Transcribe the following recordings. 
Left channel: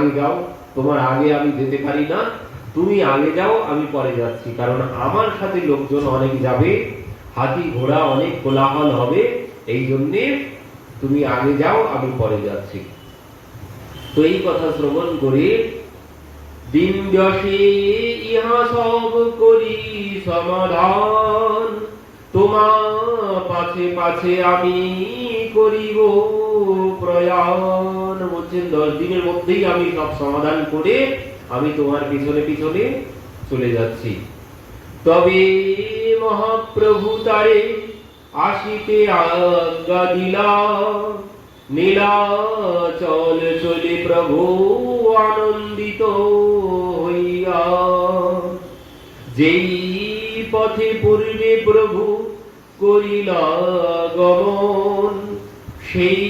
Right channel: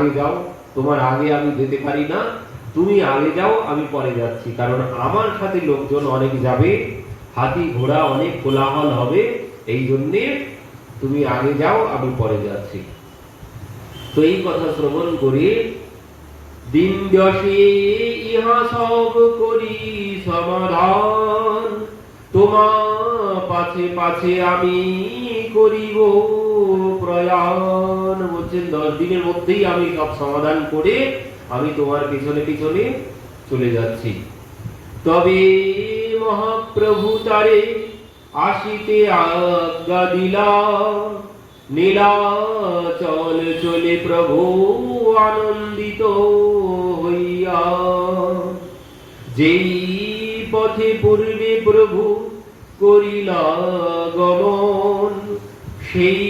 আগে যাও, তোমার আগে আমি যেতে পারি না, তুমি আগে যাও, আমি পরে যাচ্ছি, কারণ আমার সাথে লোকজন অনেক যাবে, হাতি ঘোড়া অনেক কোলাহল হবে, এই জন্যে তুমি আগে যাও, আমি পরে যাচ্ছি। তো এই কথা শ্রবণ করে দিন দশে ইহা সব করি সমাধান, তোমার পাছে পাছে আমি করিব প্রয়াণ। বলছেন 10 দিনের মধ্যেই আমি সব সমাধান করে আমি তোমার পিছনে পিছনে চলে যাচ্ছি। তবে মহাপ্রভু তারে আসিতে আজ্ঞা দিলা, নীলাচল চলে প্রভু আনন্দিত হইয়া। যেই পথে পূর্বে প্রভু করিলা গমন, সেই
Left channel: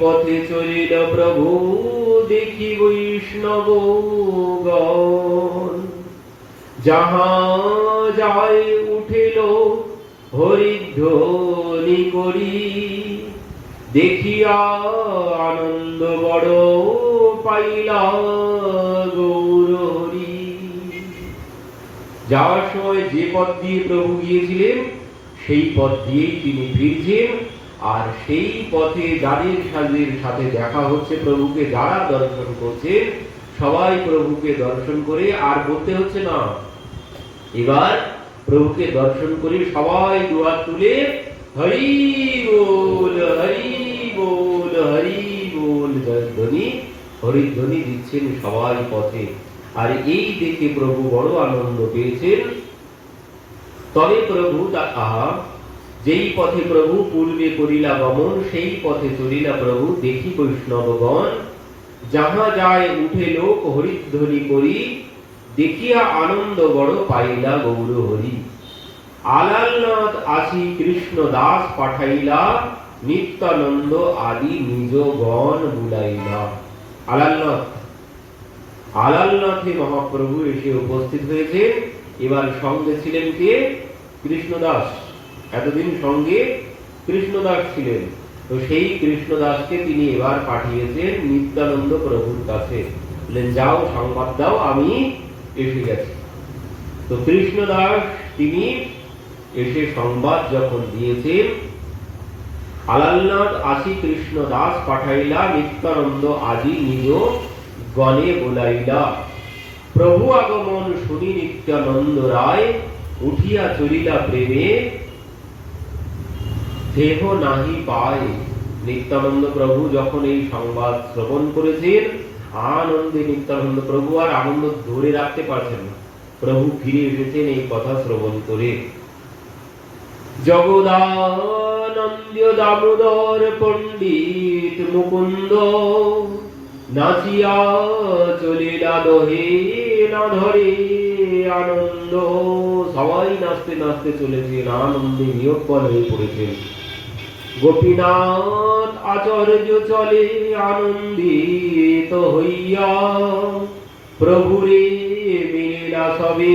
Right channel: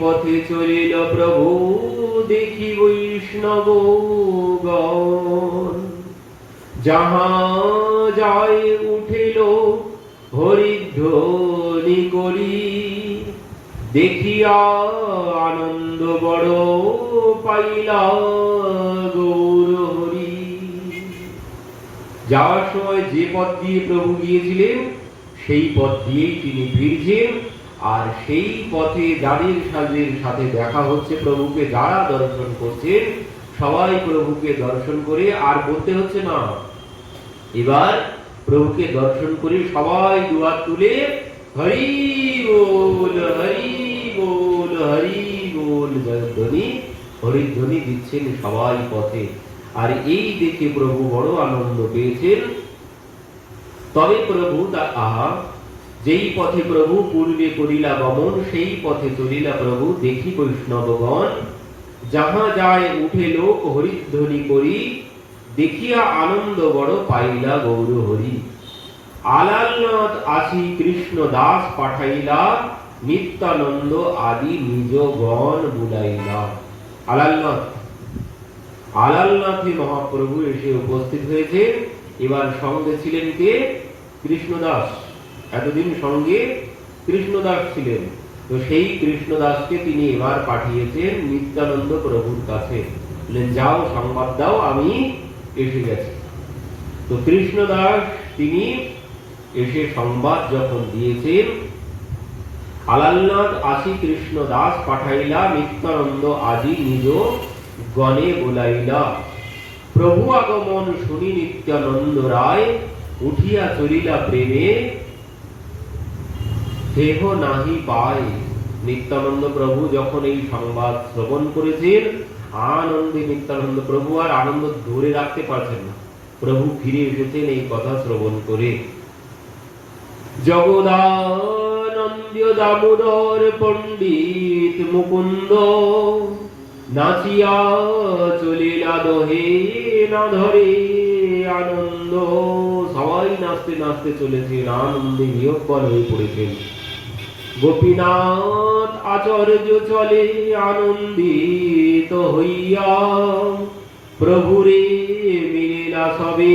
পথে চলিল প্রভু দেখি বৈষ্ণব গণ। যাহা যায় উঠিল হরিধ্বনি করি, দেখিয়া আনন্দ বড় পাইলা গৌর হরি। যাওয়ার সময় যে পথ দিয়ে প্রভু গিয়েছিলেন সেই পথ দিয়েই তিনি ফিরছেন, আর সেই পথে যাদের সাথে দেখা হচ্ছে প্রভুকে, যারা দর্শন করছে সবাই প্রভুকে দর্শন করে আর বলতে হচ্ছে না, এবার প্রভুকে দর্শন করে সবাই দুয়ার তুলে হরি বল হরি বল হরি বল ধ্বনি, হরিধ্বনি দিচ্ছেন সবাই পথে। আর এই দেখে প্রভু বড় আনন্দ পেয়েছেন। তবে প্রভু আহা, যেই পথে প্রভু পূর্বে করিলা গমন, সেই পথে চলিলা প্রভু দেখি বৈষ্ণবগণ। যাহা যায় উঠে লোক হরিধ্বনি করি, দেখিয়া আনন্দ বড় পাইলা গৌর হরি। আলালনাথ আসি কৃষ্ণ দাস পাঠাইলা, নিত্যানন্দ আদি নিজ গণ বুলাইলা। আলালনাথে মহাপ্রভু এসে উপস্থিত হয়েছে। এবার সঙ্গে ছিলেন কে? কৃষ্ণদাস। এতদিন সঙ্গে কৃষ্ণদাস ছিলেন, তো সেই কৃষ্ণদাসকে তিনি এবার পাঠিয়েছেন নিত্যানন্দ প্রভুর কাছে। যাও সংবাদ দাও আমি এসে গেছি। তো কৃষ্ণদাস তিনি এসে সংবাদ যখন দিয়েছেন, আলালনাথ আসি কৃষ্ণ দাস পাঠাইলা, নিত্যানন্দ আদি নিজ গণে বুলাইলা। প্রভু আগমন শুনি নিত্যানন্দ রায়, উঠিয়া চলিলা প্রেমে দেহ নাহি পায়। নিত্যানন্দ প্রভু যখন এই সংবাদ শ্রবণ করেছেন, আনন্দে নিত্যানন্দ প্রভু আর আনন্দ ধরে রাখতে পারছেন না। প্রভু ফিরে এসেছেন এই কথা শ্রবণ করে। জগদানন্দ দামোদর পণ্ডিত মুকুন্দ, নাচিয়া চলিলা দোহে না ধরে আনন্দ। সবাই নাচতে নাচতে চলেছেন, আনন্দে নিয়োগপন হয়ে পড়েছেন। গোপীনাথ আচার্য চলে আনন্দিত হইয়া, প্রভুরে মিলিলা সবে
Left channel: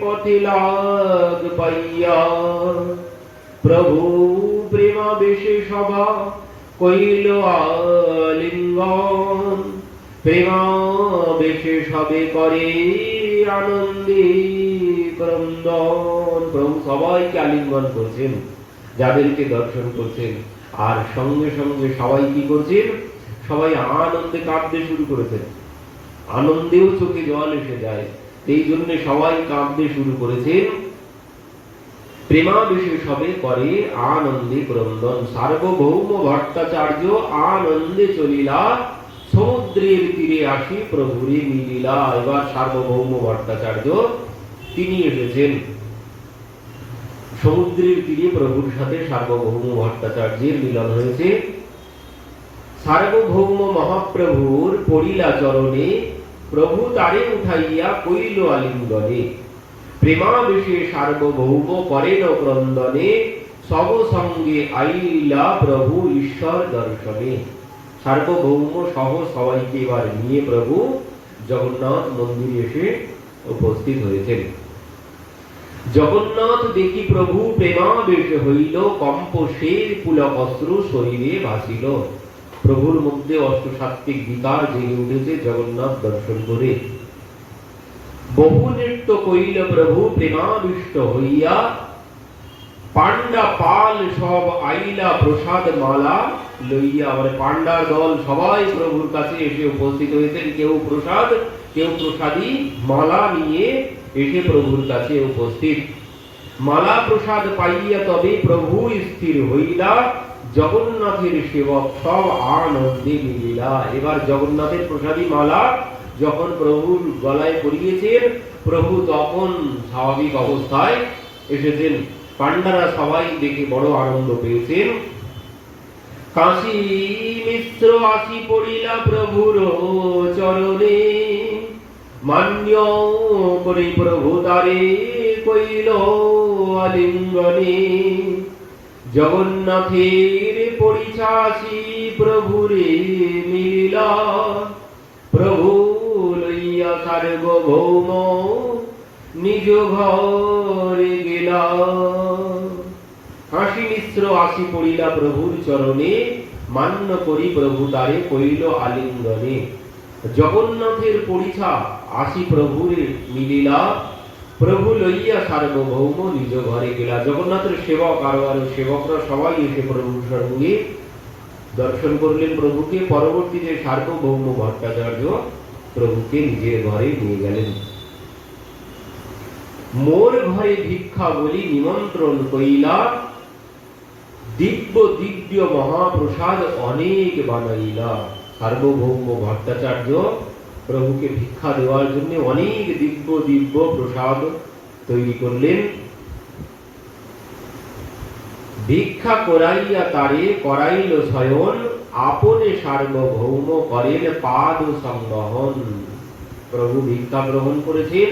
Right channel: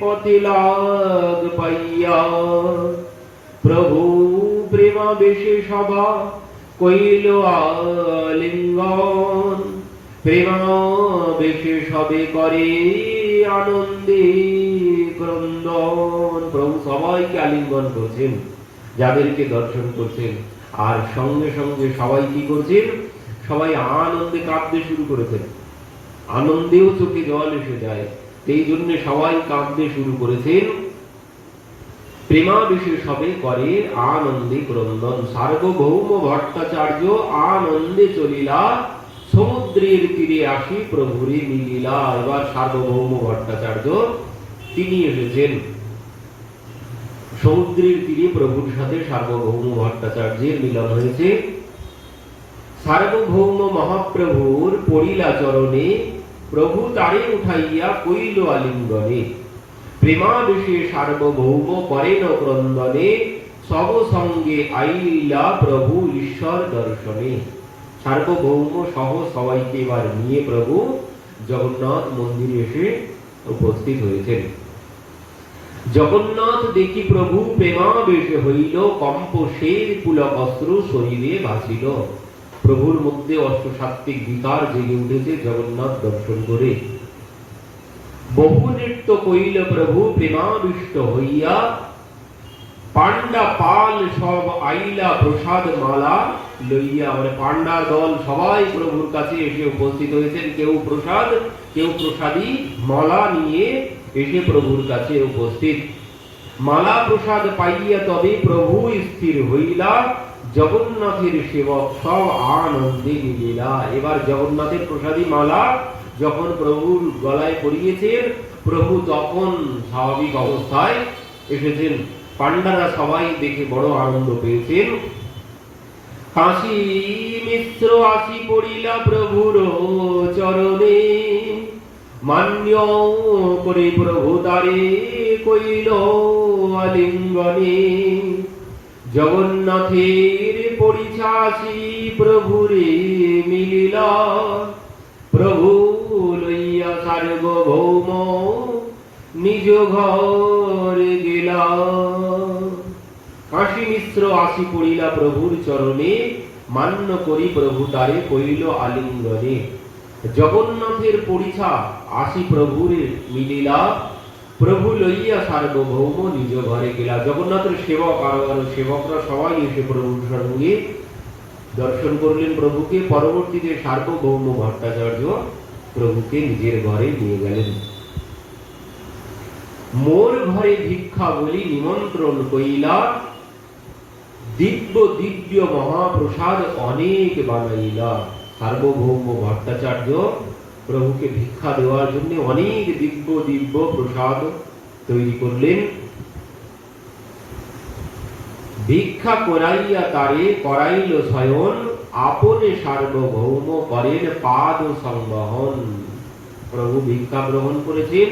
পথে লাগ পাইয়া। প্রভু প্রেমাবেশে সভা কইল আলিঙ্গন, প্রেমাবেশে সবে করে আনন্দে ক্রন্দন। প্রভু সবাইকে আলিঙ্গন করছেন, যাদেরকে দর্শন করছেন, আর সঙ্গে সঙ্গে সবাই কি করছেন? সবাই আনন্দে কাঁদতে শুরু করেছেন। আনন্দেও চোখে জল এসে যায়, এই জন্য সবাই কাঁদতে শুরু করেছেন। প্রেমাবেশে সবে করে আনন্দে ক্রন্দন। সার্বভৌম ভট্টাচার্য আনন্দে চলিলা, সমুদ্রের তীরে আসি প্রভুরে মিলিলা। এবার সার্বভৌম ভট্টাচার্য তিনি এসেছেন সমুদ্রের তীরে, প্রভুর সাথে সার্বভৌম ভট্টাচার্যের মিলন হয়েছে। সার্বভৌম মহাপ্রভুর পড়িলা চরণে, প্রভু তারে উঠাইয়া কইল আলিঙ্গনে। প্রেমাবেশে সার্বভৌম করেন ক্রন্দনে, সব সঙ্গে আইলা প্রভু ঈশ্বর দর্শনে। সার্বভৌম সহ সবাইকে এবার নিয়ে প্রভু জগন্নাথ মন্দিরে এসে উপস্থিত হয়েছেন। জগন্নাথ দেখি প্রভু প্রেমাবেশে হইল, কম্প শের পুলক অস্ত্র শরীরে ভাসিল। প্রভুর মধ্যে অষ্টসাত্ত্বিক বিকার জেগে উঠেছে জগন্নাথ দর্শন করে। বহু নৃত্য কইল প্রভু প্রেমাবিষ্ট হইয়া, পান্ডা পাল সব আইলা প্রসাদ মালা লইয়া। আমার পান্ডার দল সবাই প্রভুর কাছে এসে উপস্থিত হয়েছেন, কেউ প্রসাদ, কেউ প্রসাদী মালা নিয়ে এসে প্রভুর কাছে উপস্থিত। মালা প্রসাদ পাইয়া তবে প্রভু স্থির হইলা, জগন্নাথের সেবক সব আনন্দে মিলিলা। এবার জগন্নাথের প্রসাদী মালা যখন প্রভুর গলায় পরিয়েছেন, প্রভু তখন স্বাভাবিক অবস্থায় এসেছেন। পান্ডারা সবাই দেখে বড় আনন্দ পেয়েছেন। কাশী মিশ্র আসি পড়িলা প্রভুর চরণে, মান্য করে প্রভু তারে কইল আলিঙ্গনে। জগন্নাথের পরিছাসি প্রভুরে মিলিলা, প্রভু লইয়া সার্বভৌম নিজ ঘরে গেলা। কাশী মিশ্র আসি পড়িলা প্রভুর চরণে, মান্য করি প্রভু তারে কইল আলিঙ্গনে। জগন্নাথের পরিছা আসি প্রভুরে মিলিলা, প্রভু লইয়া সার্বভৌম নিজ ঘরে গেলা। জগন্নাথের সেবক আরো আরো সেবকরা সবাই এসে প্রভুর সঙ্গে দর্শন করলেন প্রভুকে। পরবর্তীতে সার্বভৌম ভট্টাচার্য প্রভুকে নিজের ঘরে নিয়ে গেলেন। মোর ঘরে ভিক্ষা বলি নিমন্ত্রণ কইলা, দিব্য দিব্য মহাপ্রসাদ অনেক বানাইলা। সার্বভৌম ভট্টাচার্য প্রভুকে ভিক্ষা দেওয়ার জন্য অনেক দিব্য দিব্য প্রসাদ তৈরি করলেন। ভিক্ষা করাইয়া তারে করাইল শয়ন, আপনে সার্বভৌম করেন পাদ সংবহন। প্রভু ভিক্ষা গ্রহণ করেছেন,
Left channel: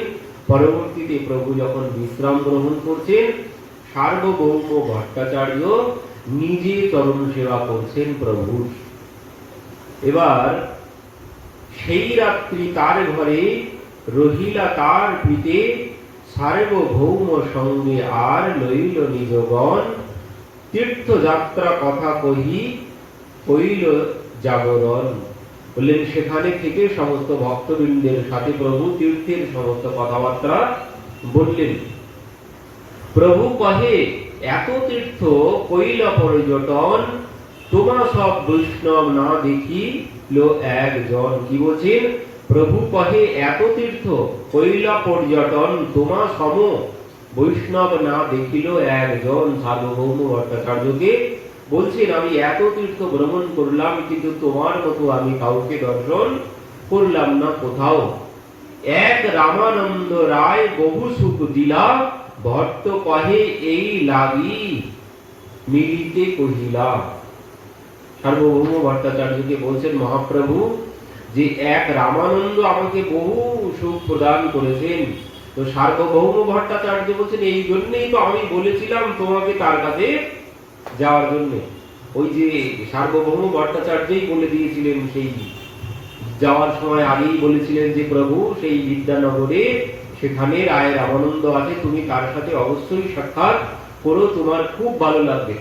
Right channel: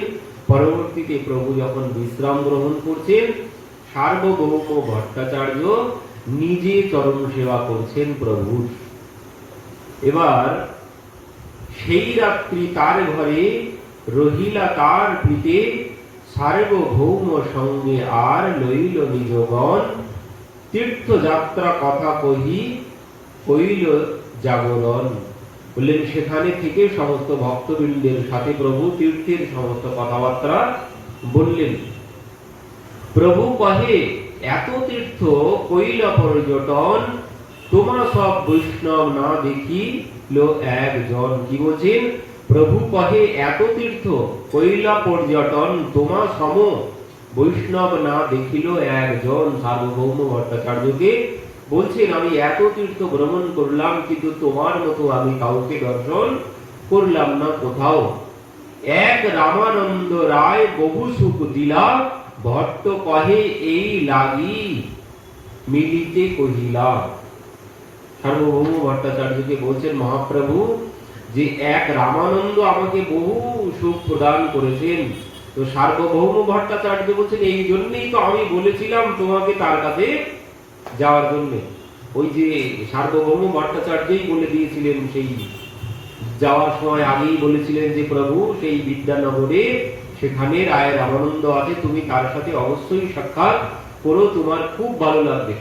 পরবর্তীতে প্রভু যখন বিশ্রাম গ্রহণ করছেন, সার্বভৌম ভট্টাচার্য নিজে চরণ সেবা করছেন প্রভু। এবার সেই রাত্রি তার ঘরে রহিলা তার পিতে, সার্বভৌম সঙ্গে আর লইল নিজগণ। তীর্থযাত্রা কথা কইল জাগরণ। বললেন সেখানে থেকে সমস্ত ভক্তবৃন্দের সাথে প্রভু তীর্থের সমস্ত কথাবার্তা বললেন। প্রভু কহে এত তীর্থ কইলা পর্যটন, তোমার সব বৈষ্ণব না দেখি লো একজন। কি বলছেন? প্রভু কহে এত তীর্থ কইলা পর্যটন, তোমার সম বৈষ্ণব না দেখিল একজন। সার্বভৌম ভট্টাচার্যকে বলছেন আমি এত তীর্থ ভ্রমণ করলাম, কিন্তু তোমার মতো আমি কাউকে দর্শন করলাম না কোথাও। এক রামানন্দ রায় বহু সুখ দিলা, ভট্ট কহে এই লাগি মিলিতে কহিলা। সার্বভৌম ভট্টাচার্যকে বলছেন মহাপ্রভু যে এক রামানন্দ আমাকে বহু সুখ প্রদান করেছেন। তো সার্বভৌম ভট্টাচার্য বলছেন এই জন্যই তো আমি বলেছিলাম তোমাকে তার কাছে যাওয়ার জন্য। ওই যে সার্বভৌম ভট্টাচার্যই বলে দিয়েছিলেন, সেই যাওয়ার সময় আগেই বলেছিলেন যে প্রভু সেই বিদ্যানগরে সেখানে রায় রামানন্দ আছে, তুমি তার সাথে অবশ্যই সাক্ষাৎ করো, তোমার খুব ভালো লাগবে।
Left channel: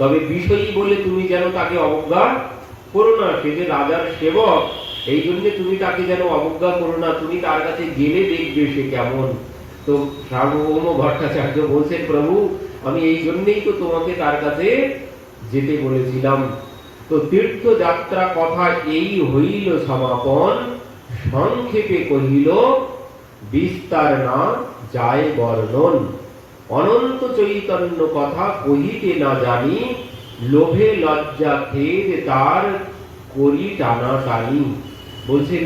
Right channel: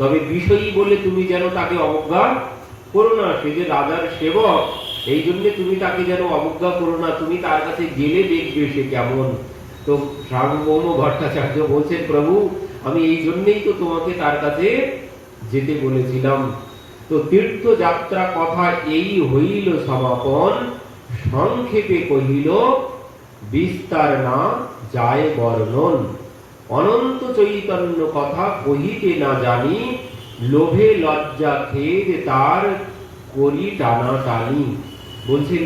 তবে বিষয়ী বলে তুমি যেন তাকে অবজ্ঞা করো না, সে যে রাজার সেবক, এই জন্য তুমি তাকে যেন অবজ্ঞা করো না, তুমি তার কাছে গেলে দেখবে সে কেমন। তো সার্বভৌম ভট্টাচার্য বলছেন প্রভু আমি এই জন্যই তো তোমাকে তার কাছে যেতে বলেছিলাম। তো তীর্থযাত্রা কথা এই হইল সমাপন, সংক্ষেপে কহিল বিস্তার না যায় বর্ণন। অনন্ত চৈতন্য কথা কহিতে না জানি, লোভে লজ্জা খেদ তার করি টানা টানি। বলছেন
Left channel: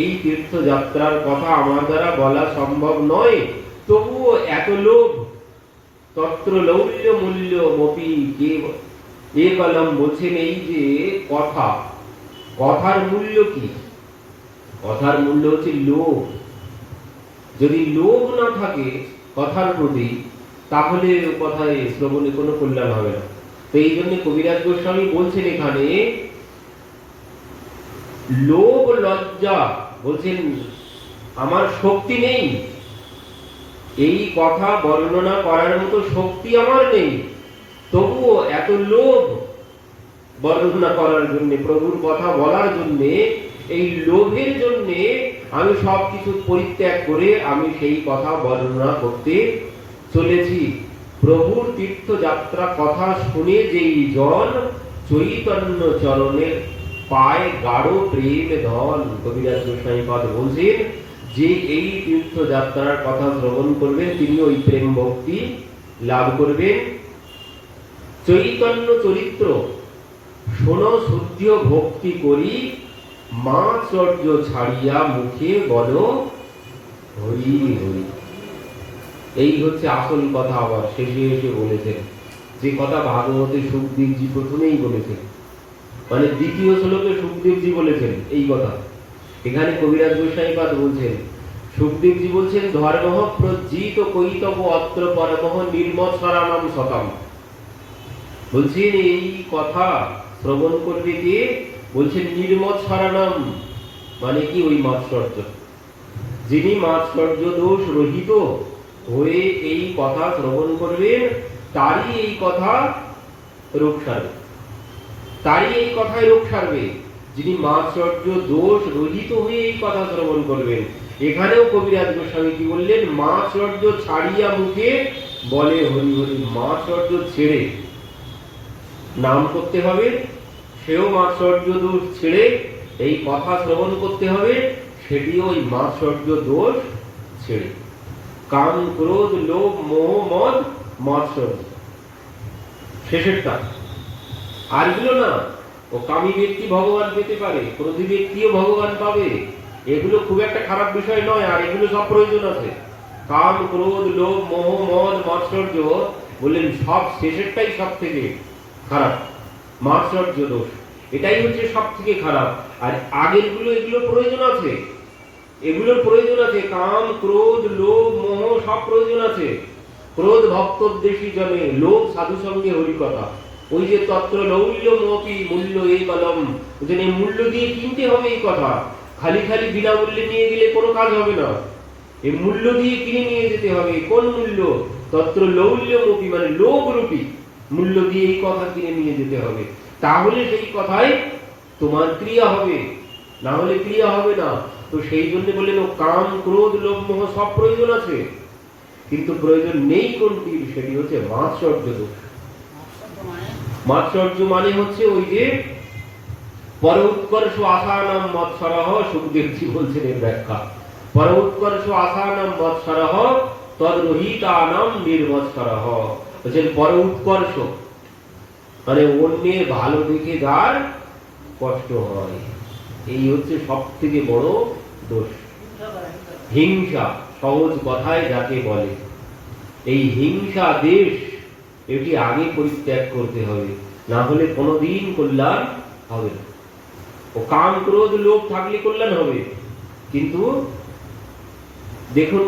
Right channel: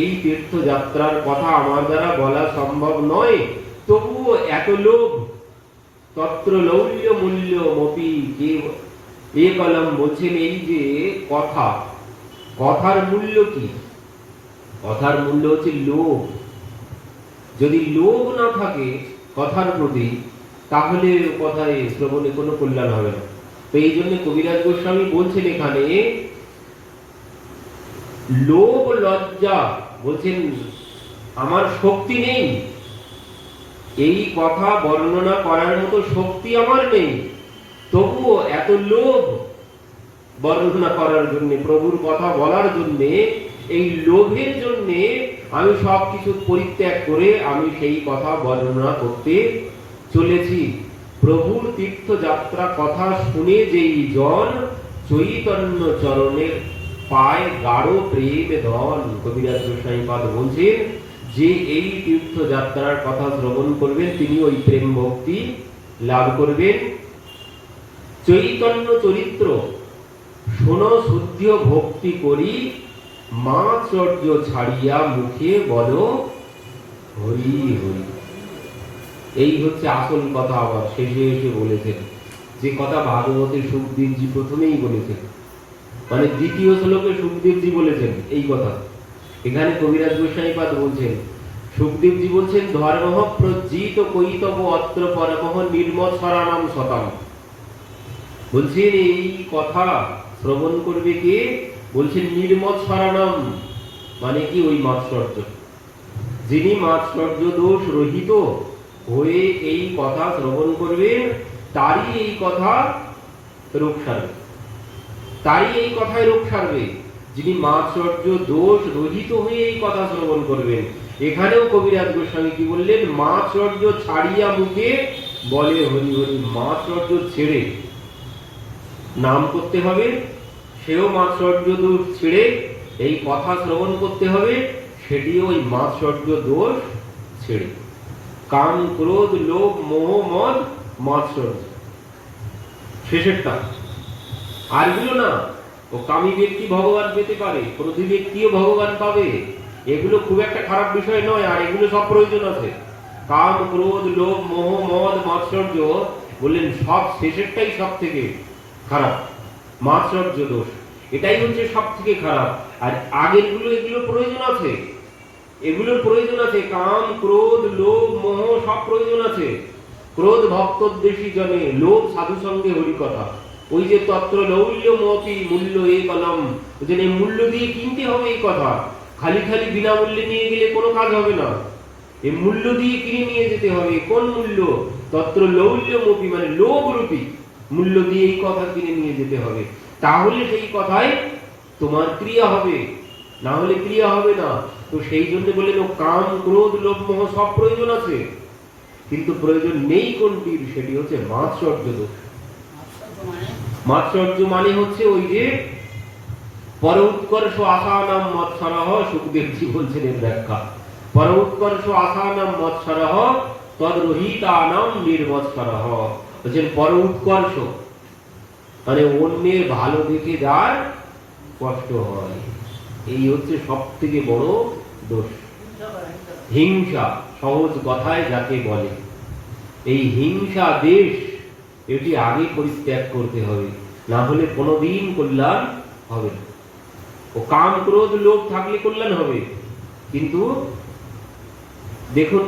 এই তীর্থযাত্রার কথা আমার দ্বারা বলা সম্ভব নয়, তবুও এত লোভ। তত্র লৌল্য মূল্য মপি কে এ কলম। বলছেন এই যে কথা, কথার মূল্য কি? কথার মূল্য হচ্ছে লোভ। যদি লোভ না থাকে কথার প্রতি, তাহলে কথায় শ্রবণে কোনো কল্যাণ হবে না। তো এই জন্য কবিরাজ গোস্বামী বলছেন এখানে লোভ লজ্জা, বলছেন আমার শক্তি নেই, এই কথা বর্ণনা করার মতো শক্তি আমার নেই, তবুও এত লোভ বর্ণনা করার জন্য, প্রভুর কথা বলার জন্য, এই লোভের জন্য আমি সবকিছু পরিত্যাগ করে আমি সেই কথা বর্ণনা করতে চলেছি। প্রভুর তীর্থযাত্রা কথা শুনে যেই জন চৈতন্য চরণের পায় গাঢ় প্রেম ধন। কবিরাজ গোস্বামীপাদ বলছেন যে এই তীর্থযাত্রার কথা শ্রবণ করবেন তিনি ওই প্রেম ভক্তি লাভ করবেন। চৈতন্য চরিত্র শোনো শুদ্ধ ভক্তি করি, মাচর্য ছাড়িয়া মুখে বলো হরি হরি। এই হচ্ছে আসল কথা। আবার শেষে এসে বলেছেন যে কথা ভাগবতে সুখদেবজি প্রথমেই বলেছেন, মানে দ্বিতীয় শ্লোকে সুখদেবজি বলেছেন এই কথা। এখানে কবিরাজ গোস্বামীপাদ বলছেন, সুখদেবজি বলছেন ধর্ম প্রজ্জিত কৈতব অত্র পরমঃ নির্মৎসরাণাম শতম। বলছেন এই কথা শ্রবণ করবে কে? বলছেন নির্মৎসরাণাম, মানে কি ওই মাৎসর্য, যিনি মাৎসর্য দোষ রহিত হয়ে এই কথা শ্রবণ করবেন তারই এই কথা রোগ সারবে, তারই এই কথায় রোগ সারবে, যিনি মাৎসর্য দোষ রহিত হয়ে এই কথা শ্রবণ করবেন। এখানেও কবিরাজ গোস্বামী কি বললেন? মাৎসর্য ছাড়িয়া মুখে বলে হরি হরি। মাৎসর্য ছেড়ে নাম করতে হবে, সেও মাৎসর্য দোষ ছেড়ে এই কথা শ্রবণ করতে হবে, সেটিও ওই মাৎসর্য দোষ ছেড়ে। কাম ক্রোধ লোভ মোহ মদ মাৎসর্য শেষেরটা, আরগুলো না। ও কামী ব্যক্তি ভগবান পেতে পারে, ক্রোধী ব্যক্তিও ভগবান পাবে, এগুলো খুব একটা খারাপ বিষয় নয়, আর এগুলো সব প্রয়োজন আছে। কাম ক্রোধ লোভ মোহ মদ মাৎসর্য বললেন সব শেষেরটাই সব থেকে খারাপ, মাৎসর্য দোষ, এটাই হচ্ছে সব থেকে খারাপ। আর আগের গুলো এগুলো প্রয়োজন আছে, এগুলোর প্রয়োজন আছে। কাম ক্রোধ লোভ মোহ সব প্রয়োজন আছে। ক্রোধ ভক্তোদ্দেশী জনে, লোভ সাধু সঙ্গে হরিকথা। ওই যে তত্র লৌল্য মপি মূল্য এই কলম, এই মূল্য দিয়ে কিনতে হবে এই কথা, খালি খালি বিনামূল্যে নিয়ে গেলে কোনো কাজ হবে না। এই মূল্য দিয়ে কিনে নিয়ে যেতে হবে। কোন মূল্য? তত্র লৌল্য মপি, মানে লোভ রূপী মূল্য দিয়ে এই কথা কিনে নিয়ে যেতে হবে, তাহলে সেই কথায় তোমার ক্রিয়া হবে, না হলে ক্রিয়া হবে না। তো সেই জন্য বললেন ও কাম ক্রোধ লোভ মোহ সব প্রয়োজন আছে, কিন্তু প্রয়োজন নেই কোনটির? সেটি হচ্ছে মাৎসর্য দোষ। মাৎসর্য মানে হচ্ছে ওই যে পর উৎকর্ষ আসানাম মৎসরহ। সুখদেবজি বলছেন এর ব্যাখ্যা, পর উৎকর্ষ আসানাম মৎসরহ তদ্রহিতানাম নির্মৎসরহ। বলছেন পর উৎকর্ষ মানে অন্যের ভালো দেখে যার কষ্ট হয়, এই হচ্ছে সব থেকে বড় দোষ। হিংসা সহজ কথায় যাকে বলে, এই হিংসা দেশ এটি আগে পরিত্যাগ করতে হবে, না হলে কোনোদিন কল্যাণ হবে না। ও কাম ক্রোধ লোভ থাকলে কল্যাণ হবে, কিন্তু দেখুন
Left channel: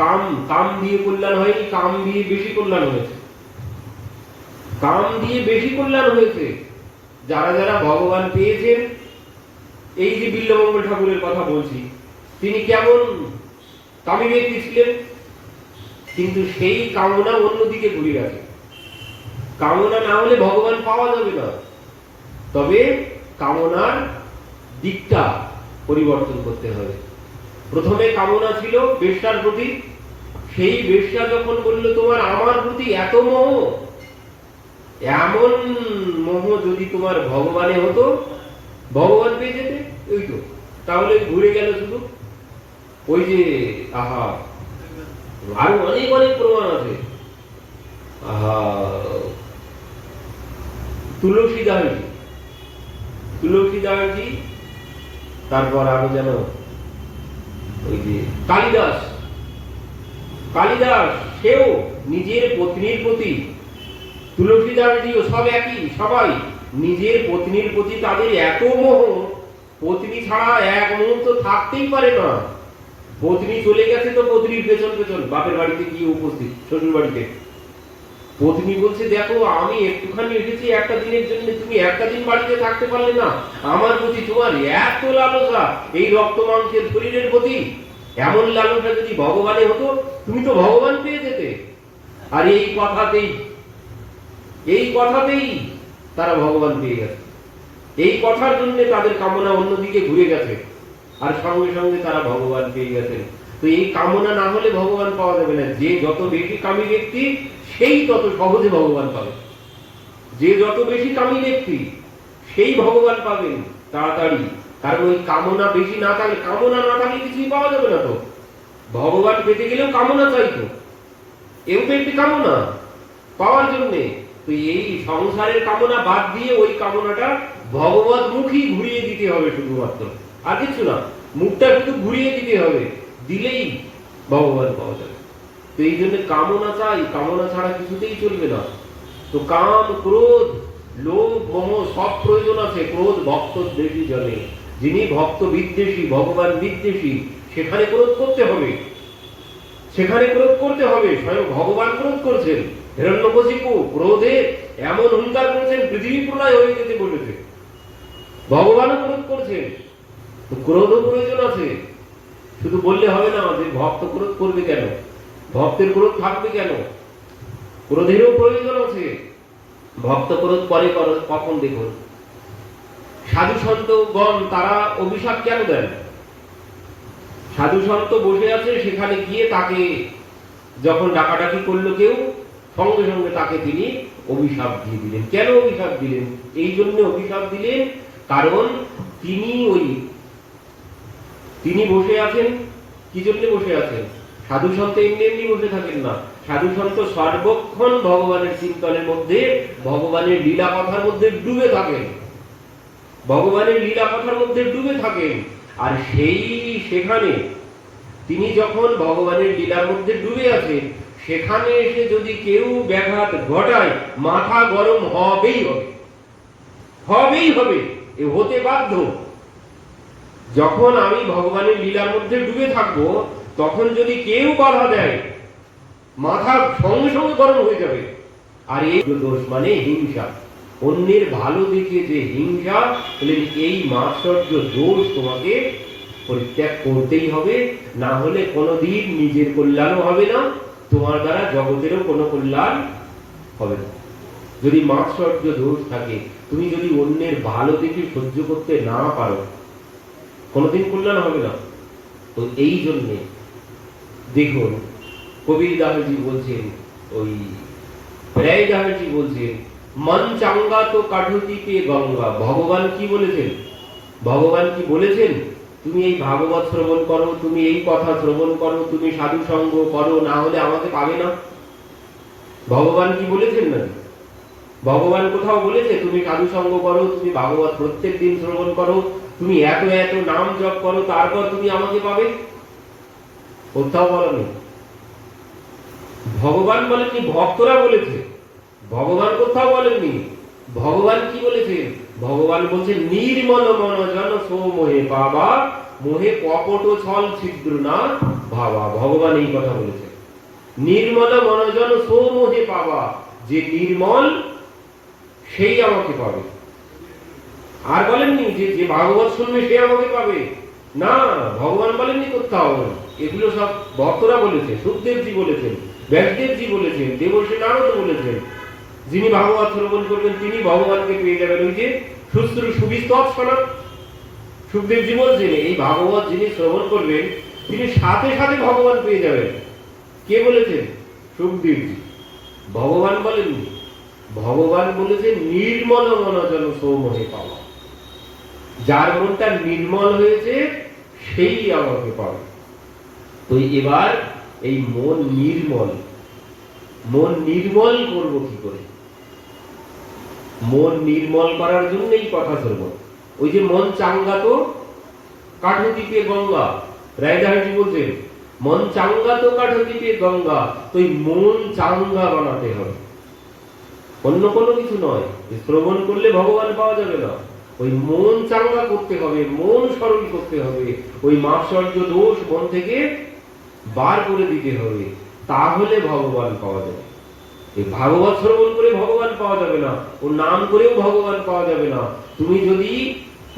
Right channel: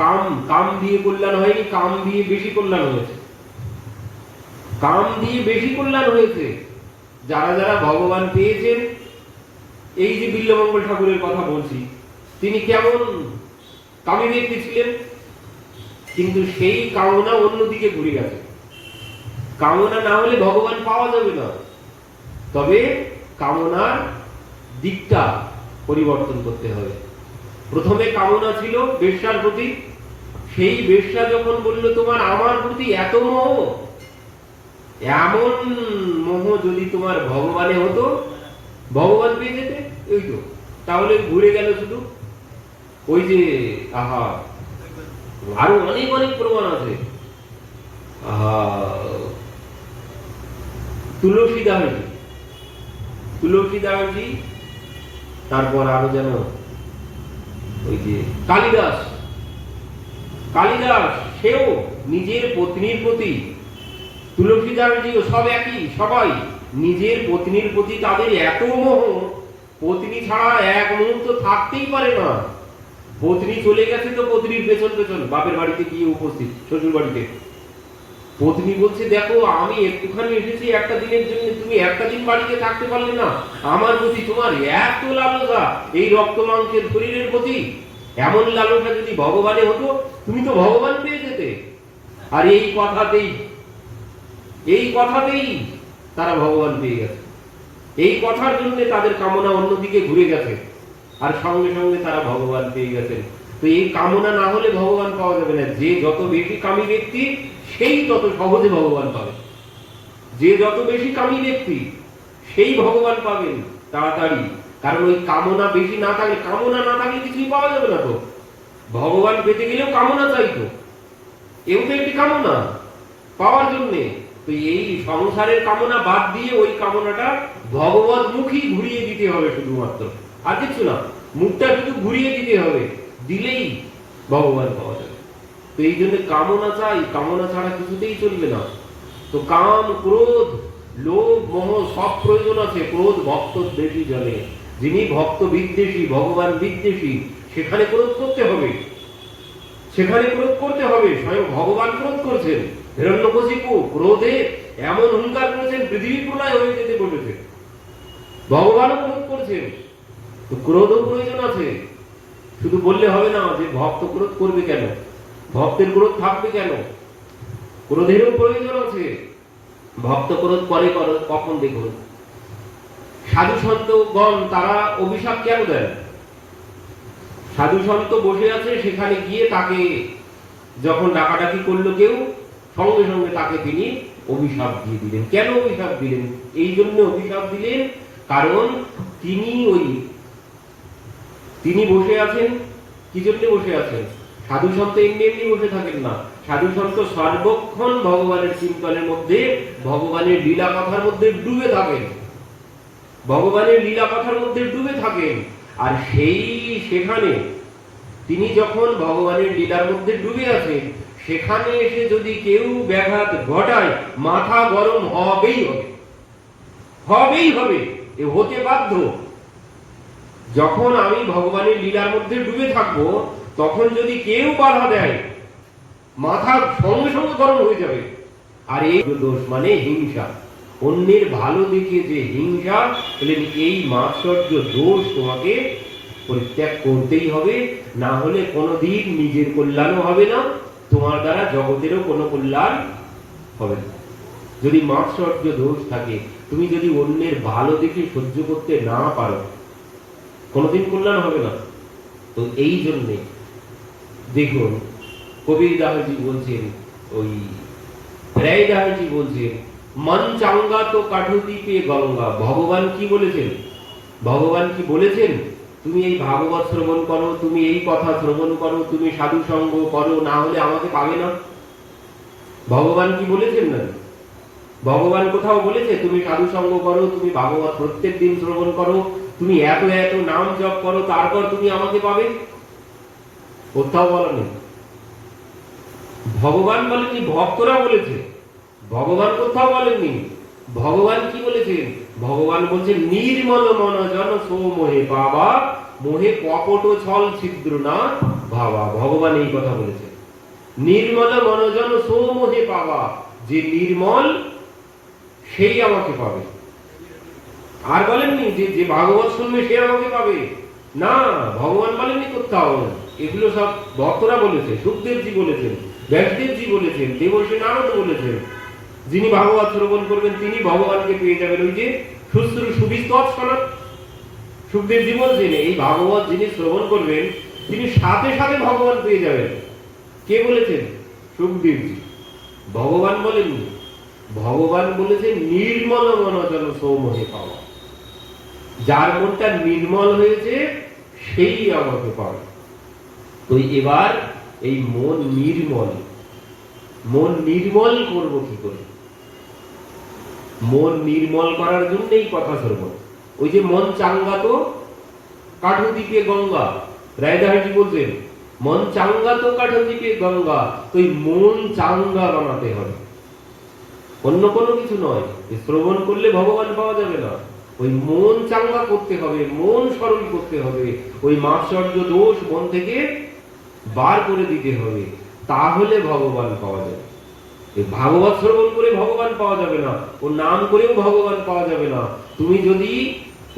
কাম কাম দিয়ে কল্যাণ হয়নি, কাম দিয়ে বেশি কল্যাণ হয়েছে। কাম দিয়ে বেশি কল্যাণ হয়েছে যারা যারা ভগবান পেয়েছেন। এই যে বিল্বমঙ্গল ঠাকুরের কথা বলছি, তিনি কেমন কামী ব্যক্তি ছিলেন, কিন্তু সেই কামনা অন্যদিকে ঘুরে গেছে। কামনা না হলে ভগবান পাওয়া যাবে না, তবে কামনার দিকটা পরিবর্তন করতে হবে। প্রথমে কামনা ছিল বেশ্যার প্রতি, সেই বেশ্যা যখন বলল তোমার আমার প্রতি এত মোহ, এমন মোহ যদি তোমার ভগবানে হতো, ভগবান পেয়ে যেতে, এই তো তাহলে ঘুরে গেল শুধু। ওই যে আহা, আরো অনেক অনেক প্রমাণ আছে। তুলসীদাসজি, তারপর আরো যেন ওই যে কালিদাস, সেও নিজের পত্নীর প্রতি, তুলসীদাসজিও সব একই, সবাই নিজের পত্নীর প্রতি তাদের এত মোহ, পত্নী ছাড়া এক মুহূর্ত থাকতেই পারে না। পত্নী চলে গেছে তো পত্নীর পেছন পেছন বাপের বাড়িতে গিয়ে উপস্থিত, শ্বশুর বাড়িতে। পত্নী বলছে দেখো আমি একটুখানি এসেছি একটা দিনের জন্য, তুমি একটা দিন বাড়িতে থাকতে পারলে না, আমার প্রতি তোমার এত লালসা, এই রক্ত মাংসের শরীরের প্রতি এমন লালসা যদি ভগবানে হতো, তুমি তো ভগবান পেয়ে যেতে। আর এই কথাতেই তারা ভগবান পেয়ে গেছে। এই কথার জন্য তাদের কামনা অন্যদিকে ঘুরে গেছে, আর সঙ্গে সঙ্গে তারা ভগবান পেয়ে গেছেন। তো এই কামনা না হলে ভগবান পাওয়া যাবে না। যে যত বেশি কামী ব্যক্তি সেই তত সহজে ভগবান পাবে। যে যত বেশি কামী ব্যক্তি সেই ভগবান পাবেন তাড়াতাড়ি। কারণ ওই কামনা বেশি না থাকলে, কামনা না থাকলে কিছুই পাওয়া যাবে না। তো ভগবান পেতে গেলেও কামনা চাইতো, এও তো একটি কামনা পাওয়ার জন্যে। তো এই সংসারের কামনা বাদ দিয়ে ওই কামনাটা ভগবত মুখী ঘুরিয়ে দিতে হবে শুধুমাত্র, আর কিছু না। মুখটা শুধু ঘুরিয়ে দিতে হবে, দিলেই ভগবান পাওয়া যাবে। তো এই জন্য কামনা চাই, কামনা ছাড়া কিছুতেই চলবে না। তো কাম, ক্রোধ, লোভ, মোহ সব প্রয়োজন আছে। ক্রোধ ভক্ত বেশি জানে, যিনি ভক্ত বিদ্বেষী, ভগবান বিদ্বেষী, সেখানে ক্রোধ করতে হবে, সেখানে ক্রোধ করতে হবে। স্বয়ং ভগবান ক্রোধ করছেন। হিরণ্যকশিপু ক্রোধে এমন হুঙ্কার করেছেন, পৃথিবী প্রলয় হয়ে যেতে বলেছে। ভগবানও ক্রোধ করছেন। তো ক্রোধও প্রয়োজন আছে। শুধু বললে হবে না যে ভক্ত ক্রোধ করবে কেন, ভক্তের ক্রোধ থাকবে কেন। ক্রোধেরও প্রয়োজন আছে। ভক্ত ক্রোধ করে কখন দেখুন, সাধু সন্তগণ তারা অভিশাপ কেন দেন? সাধু সন্ত বসে আছে, সেখানে গিয়ে তাকে যখন ডাকাডাকি করলো কেউ, সঙ্গে সঙ্গে তাকে তিনি অভিশাপ দিয়ে দিলেন। কেন অভিশাপ দিলেন? এই জন্য অভিশাপ দিলেন কারণ তিনি বসে আছেন। কি জন্য বসে আছেন? সাধু সন্ত এমনি এমনি বসে থাকেন না। সাধু সন্ত সর্বক্ষণ ভগবানের চিন্তনের মধ্যে, ভগবানের লীলা কথার মধ্যে ডুবে থাকেন, ভগবানের লীলা কথার মধ্যে ডুবে থাকেন। আর সেখানে তিনি যখন ভগবানের লীলার মধ্যে ডুবে আছেন, সেখানে এসে যদি কেউ ব্যাঘাত ঘটায়, মাথা গরম হবেই হবে, হবেই হবে, এ হতে বাধ্য। যখন আমি ভগবানের লীলার মধ্যে ডুবে থাকবো, তখন যদি কেউ বাধা দেয়, মাথা সঙ্গে সঙ্গে গরম হয়ে যাবে। আর এই দোষ মানে হিংসা, অন্যের ভালো দেখে যে হিংসা, এই মাৎসর্য দোষ তোমাকে পরিত্যাগ করতেই হবে। না হলে কোনোদিন নিজের কল্যাণও হবে না, তোমার দ্বারা জগতেরও কোনো কল্যাণ হবে না। যদি মাৎসর্য দোষ থাকে, তুমি যদি অন্যের ভালো দেখে সহ্য করতে না পারো, কোনোদিন কল্যাণ হবে না। তো এই জন্যে দেখুন, কবিরদাসজি বলছেন, ওই রায়দাসজি বলছেন, মন চাঙ্গা তো কাঠুতি পেয়ে গঙ্গা। ভগবান কি বলেছেন? ভগবান কি বলেছেন? তুমি এই ভাগবত শ্রবণ করো, তুমি এই কথা শ্রবণ করো, তুমি সাধু সঙ্গ করো, না হলে আমাকে পাবে না। ভগবান কি বলেছেন? না, ভগবান কোথাও বলেছে তুমি সাধু সঙ্গ করো, তুমি ভাগবত প্রত্যেক দিন শ্রবণ করো, তুমি এত এত নাম জপ করো, তারপর তুমি আমাকে পাবে? কোথাও বলেনি। ভগবান বলেনি, ভক্তরা বলেছে। ভগবান কোথাও বলেননি। ভগবান কি বলেছেন? ভগবান বলছেন, নির্মল মন জন সৌমোহে বাবা, মোহে কপট ছল ছিদ্র না ভাবা। ভগবান এই কথা বলেছেন, নির্মল মনজন সৌমোহে পাবা, যে নির্মল সেই আমাকে পাবে। আর বলেননি যে ভাগবত শুনবে সে আমাকে পাবে, না, ভগবান বলেননি কোথাও। এগুলো সব ভক্তরা বলেছে। সুখদেবজি বলেছেন, ব্যাসদেবজি বলেছেন, দেবর্ষি নারদ বলেছেন, যিনি ভাগবত শ্রবণ করবেন তিনি ভগবানকে পেয়ে যাবেন। ওই যে সুশ্রু সুবিস্তর শোনা, সুখদেবজি বলছেন এই ভাগবত যিনি শ্রবণ করবেন তিনি সাথে সাথে ভগবান পেয়ে যাবেন। কে বলেছেন? সুখদেবজি। ভগবান বলেননি। ভগবান বলেছেন নির্মল মনজন সৌমোহে পাওয়া, যার মনটা নির্মল হয়েছে সেই আমাকে পাবে। তো এবার এই মন নির্মল করবো কি করে? মন নির্মল করার জন্যই কথা শ্রবণ। ওই যে মন চাঙ্গা তো কাঠদ্বীপে গঙ্গা, রায়দাসজি বলছেন মন চাঙ্গা তো কাঠদ্বীপে গঙ্গা। তো এই মন চাঙ্গা বানাতে হবে, অন্য কোনো কিছু নয়। শ্রবণ করলে ভগবান পাওয়া যাবে না, ওই মন চাঙ্গা করতে হবে, মন সরল করতে হবে, ওই মাৎসর্য দোষ মন থেকে বার করে দিতে হবে, তাহলে ভগবান পাওয়া যাবে। এই ভাগবত শ্রবণ করে ভগবান পাওয়া যাবে না, ও নাম করেও ভগবান পাওয়া যাবে না। তুমি যদি